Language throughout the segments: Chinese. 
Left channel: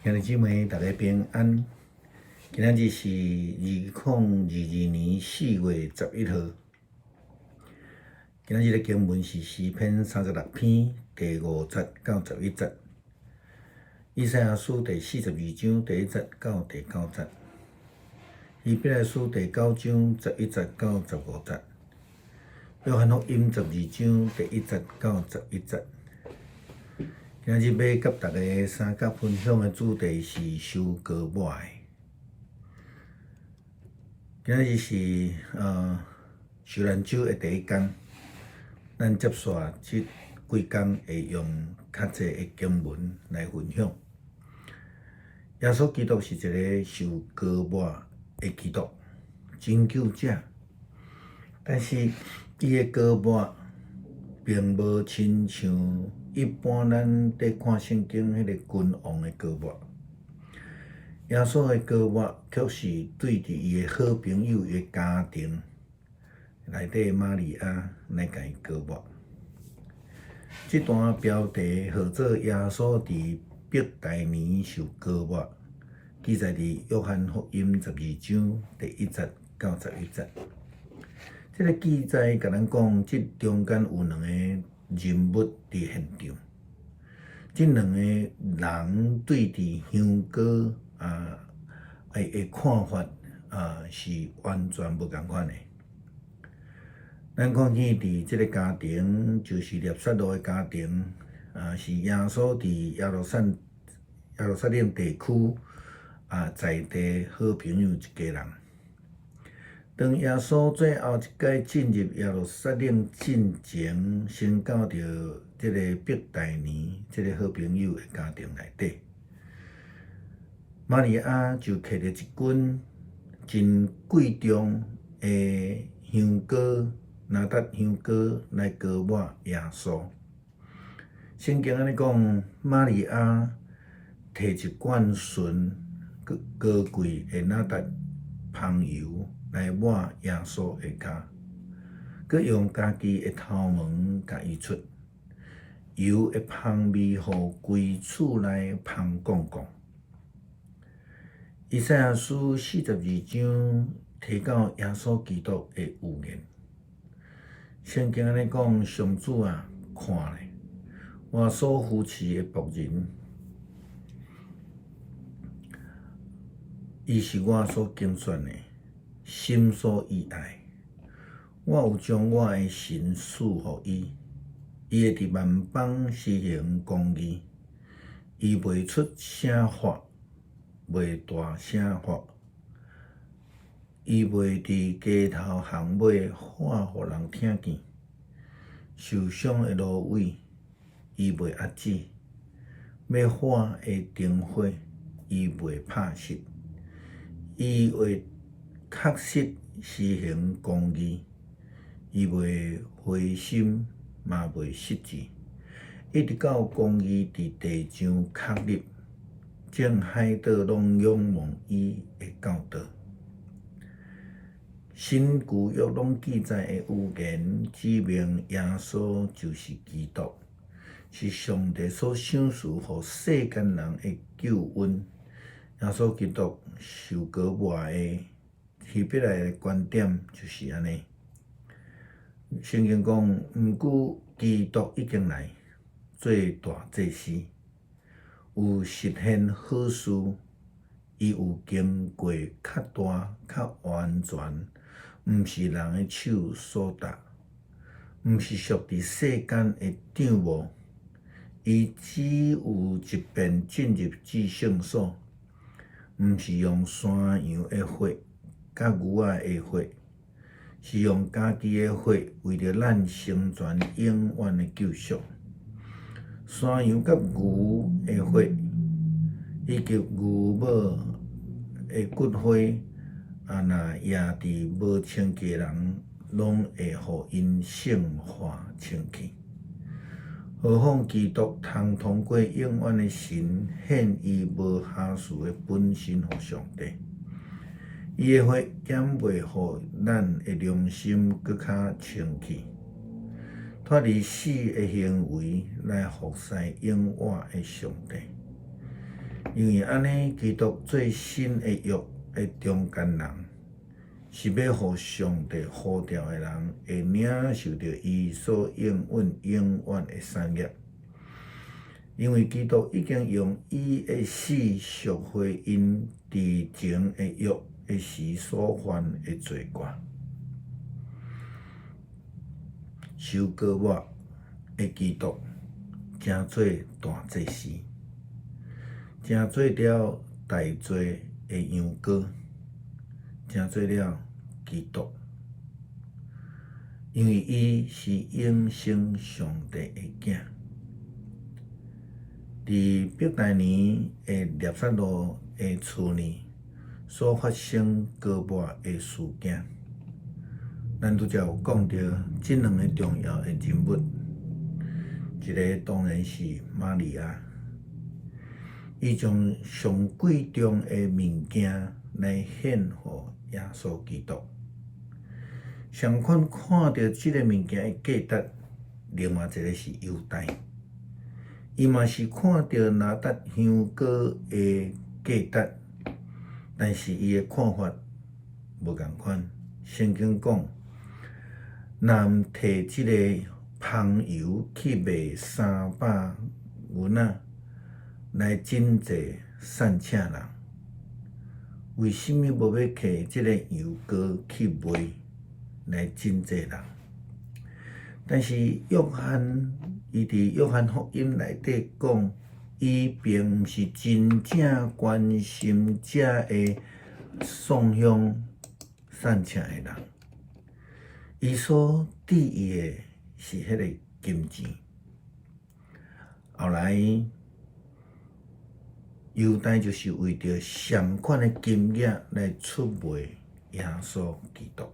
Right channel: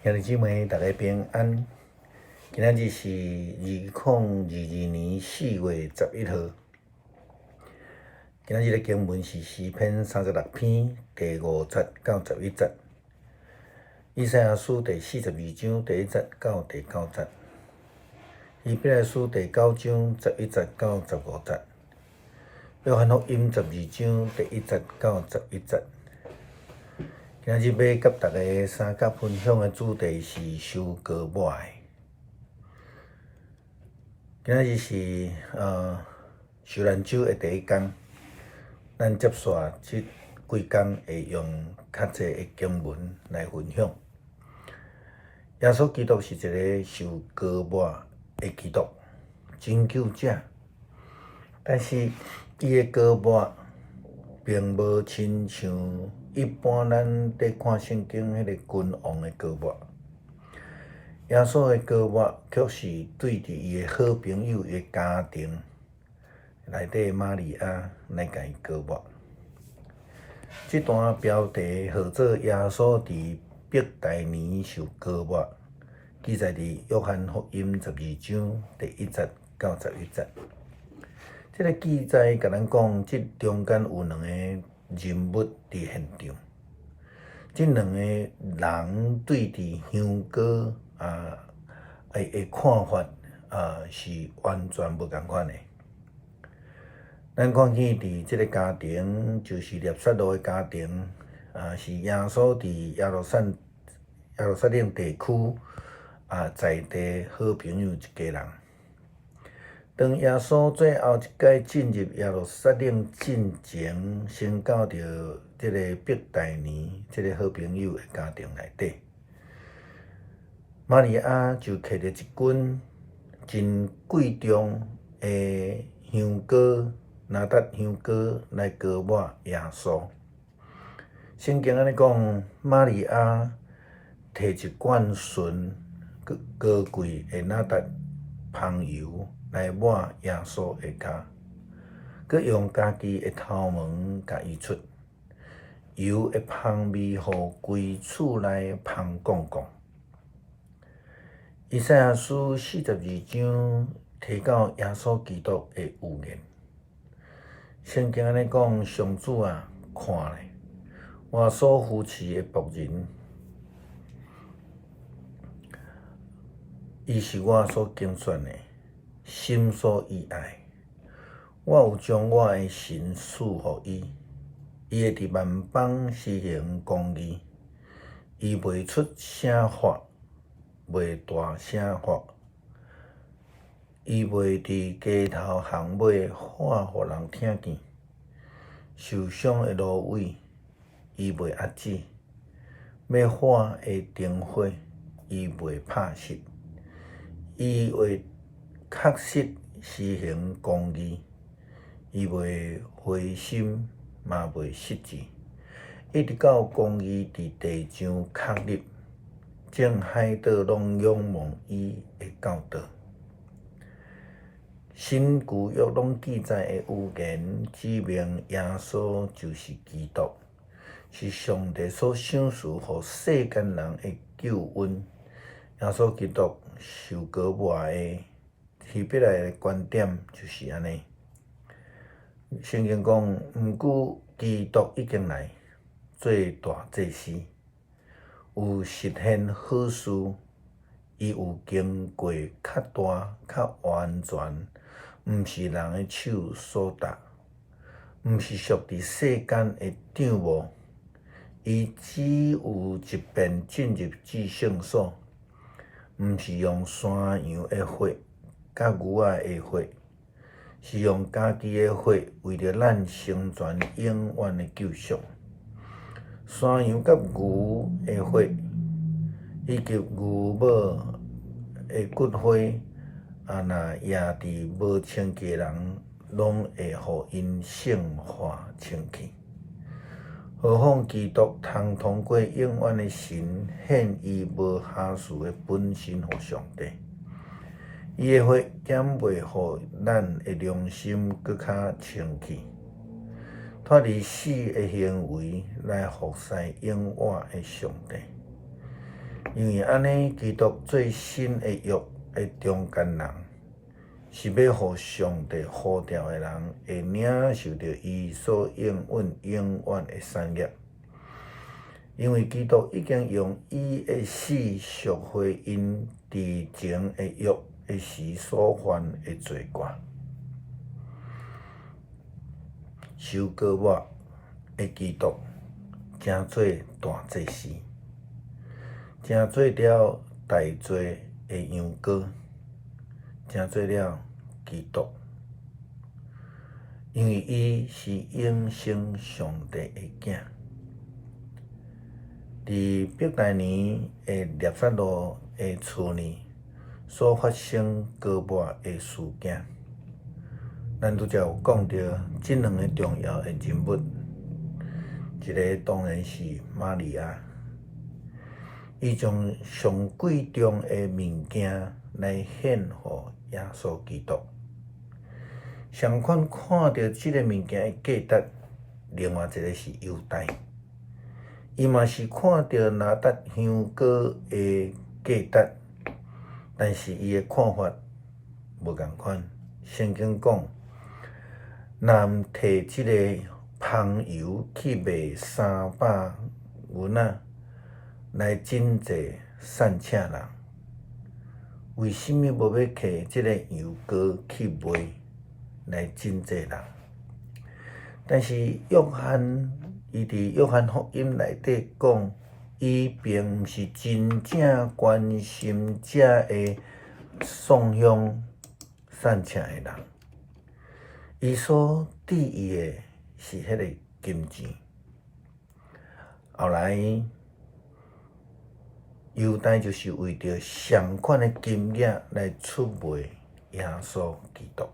兄弟姊妹，大家平安。今仔日是2022年4月11号。今仔日的经文是诗篇36篇第5节到11节，以赛亚书第42章第1节到第9节，希伯来书第9章11节到15节，约翰福音12章第1节到11节。今日要甲大家三角分享的主题是收割我的。今日是受难周的第一天，咱接续这几天会用较济的经文来分享。耶稣基督是一个受割我的基督，拯救者，但是伊的割我并无亲像一般咱在看圣经迄个君王的割我。耶稣的割我却是对伫伊的好朋友、伊的家庭内底玛利亚来甲伊割我。这段标题号做耶稣伫伯大尼受割我，记载伫约翰福音12章第1节到11节。这个记载甲咱讲，这中间有两个人物伫现场，这两个人对伫香膏的看法是完全无共款的。咱看见伫这个家庭，就是列撒罗的家庭，是耶稣伫耶路撒冷地区在地好朋友一家人。当耶稣最后一届进入耶路撒冷进前，先到着这个伯大尼这个好朋友的家庭内底，玛利亚就摕着一斤真贵重的香膏，拿达香膏来割我耶稣。圣经安尼讲，玛利亚摕一罐纯高贵的拿达香油来抹耶稣的脚，佮用家己的头毛甲移出，油的香味，互规厝内香滚滚。以赛亚书42章提到耶稣基督的预言。圣经安尼讲，上主看咧，我所扶持的仆人，伊是我所拣选的，心所意爱。我有将我的神赐予伊，伊会伫万邦施行公义，伊袂出声发，袂大声发，伊袂伫街头巷尾喊互人听见。受伤的芦苇，伊袂压止；要火的灯火，伊袂拍熄。伊会确实施行公义，伊袂灰心，嘛袂失志，一直到公义伫地上确立，正海岛拢仰望伊的教导。新旧约拢记载的预言，指明耶稣就是基督，是上帝所赏赐予世间人的救恩。耶稣基督受割我的希伯来的观点就是安尼。圣经讲，毋久基督已经来做大祭司，有实现好事，伊有经过较大、较完全。毋是人的手所达，毋是属伫世间的掌握，伊只有一遍进入至圣所，毋是用山羊的血甲牛仔的血，是用家己的血，为着咱成全永远的救赎。山羊甲牛的血，以及牛母的骨灰。若野伫无清洁人，拢会互因圣化清气。何况基督通通过永远的神，献伊无瑕疵的本身互上帝。伊的血减袂互咱的良心搁较清气，脱离死的行为来服侍永远的上帝。因为安尼，基督做新的约的中间人，是要互上帝呼召的人会领受到伊所应允永远的产业。因为基督已经用伊的死赎回因之前的约的时所犯的罪过，受割抹的基督，成做大祭司，成做了大罪的羊羔，成做了基督。因为伊是永生上帝的囝。伫伯大尼的列撒罗的厝内所发生割抹的事件，咱拄则有讲到即两个重要的人物，一个当然是玛利亚，伊将上贵重的物件来献互耶稣基督。相反，看到即个物件的价值，另外一个是犹大。伊嘛是看到拿达香膏的价值，但是伊的看法无共款。圣经讲，若毋摕即个香油去卖300银仔来真济善请人，为什么无要摕即个油膏去卖来真济人？但是约翰伊伫约翰福音内底讲，伊并毋是真正关心遮个送香善请的人，伊所伫意的是迄个金钱。后来犹大就是为着上款的金额来出卖耶稣基督。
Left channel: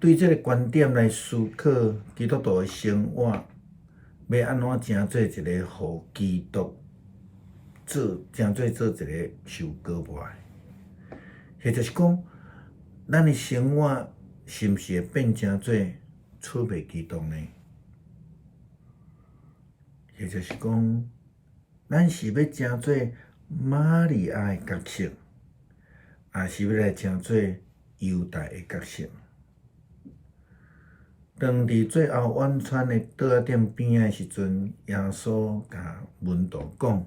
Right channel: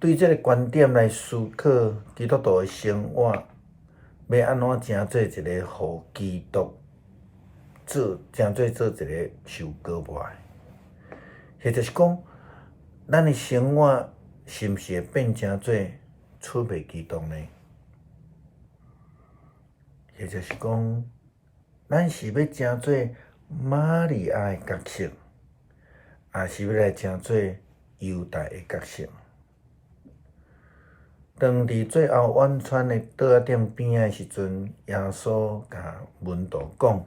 对这个观点来思考，基督徒的生活要安怎成做一个互基督成做一个受割抹的？或就是讲，咱的生活是毋是会变成做出卖基督呢？或就是讲，咱是要成做玛利亚的角色，还是要来成做犹大的角色？当伫最后晚餐的桌仔顶边的时阵，耶稣甲门徒讲：“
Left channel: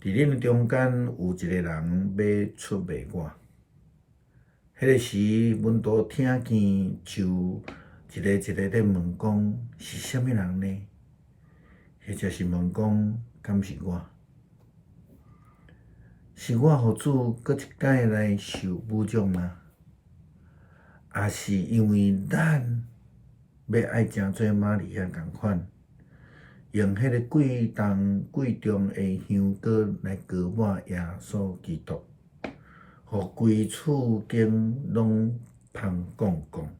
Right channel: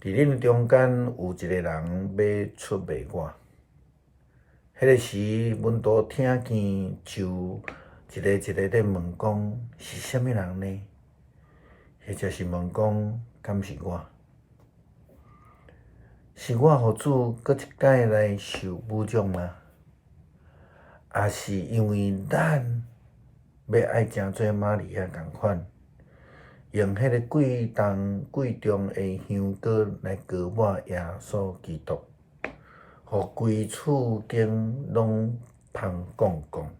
伫恁中间有一个人要出卖我。”迄个时，门徒听见就一个咧问讲：“是啥物人呢？”或就是问讲：“敢是我？是我互主搁一摆来受侮辱吗？也是因为咱？”要爱成做玛利亚共款，用迄个贵重的香膏来割抹耶稣基督，互规厝间拢芳光光，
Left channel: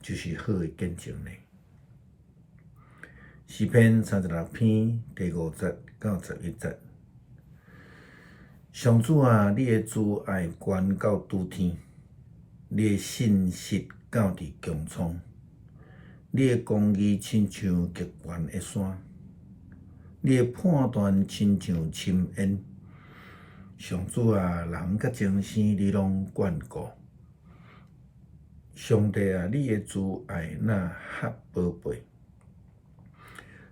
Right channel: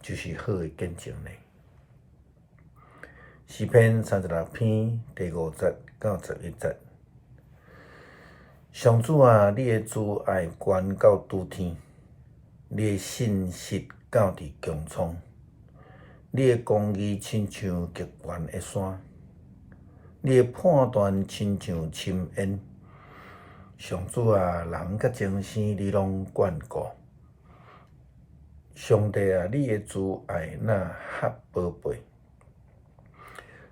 就是好的见证呢。诗篇36篇第5节到11节，上主啊，你的慈爱悬到拄天，你的信实到伫穹苍，你的公义亲像极悬的山，你的判断亲像深渊。上主啊，人甲精生你拢眷顾。上帝啊，你的慈爱那赫宝贝，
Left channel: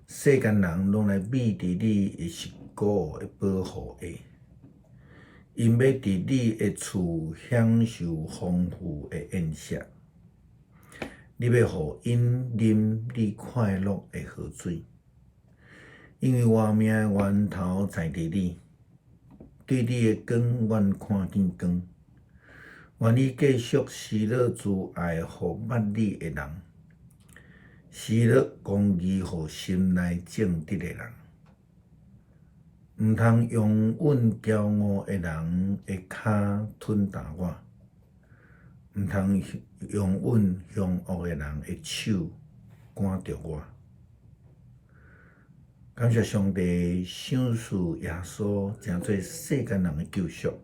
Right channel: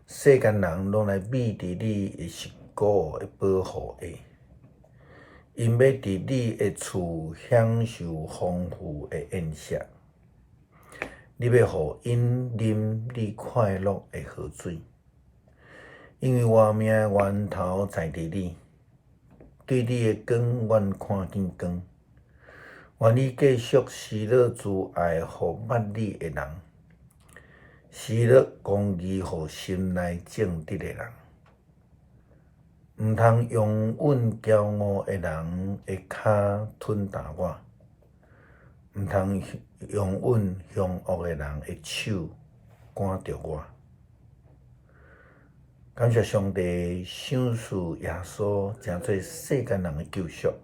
世间人拢来秘伫你的十股的保护下，因要伫你的厝享受丰富的宴席。你要互因啉你快乐的河水，因为活命的源头在伫你，对你的光愿看见光。愿你继续施乐慈爱互捌你的人，施乐公义互心内正直的人。毋通用阮骄傲的人的骹吞踏我，毋通用阮凶恶的人的手赶着我。感谢上帝赏赐耶稣成做世间人的救赎，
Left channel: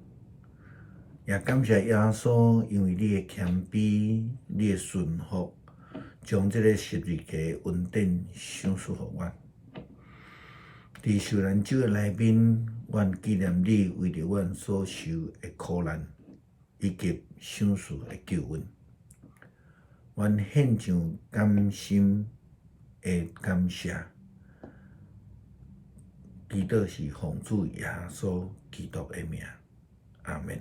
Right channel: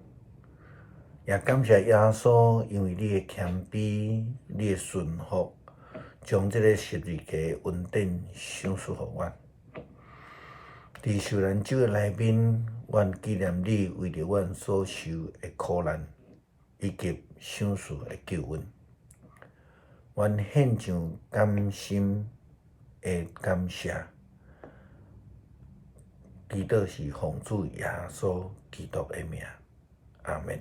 也感谢耶稣因为你的谦卑、你的顺服，将这个十字架恩典赏赐予我。伫受难者诶内面，阮纪念你为着阮所受诶苦难，以及赏赐诶救恩。阮献上甘心诶感谢，祈祷是奉主耶稣基督诶名，阿门。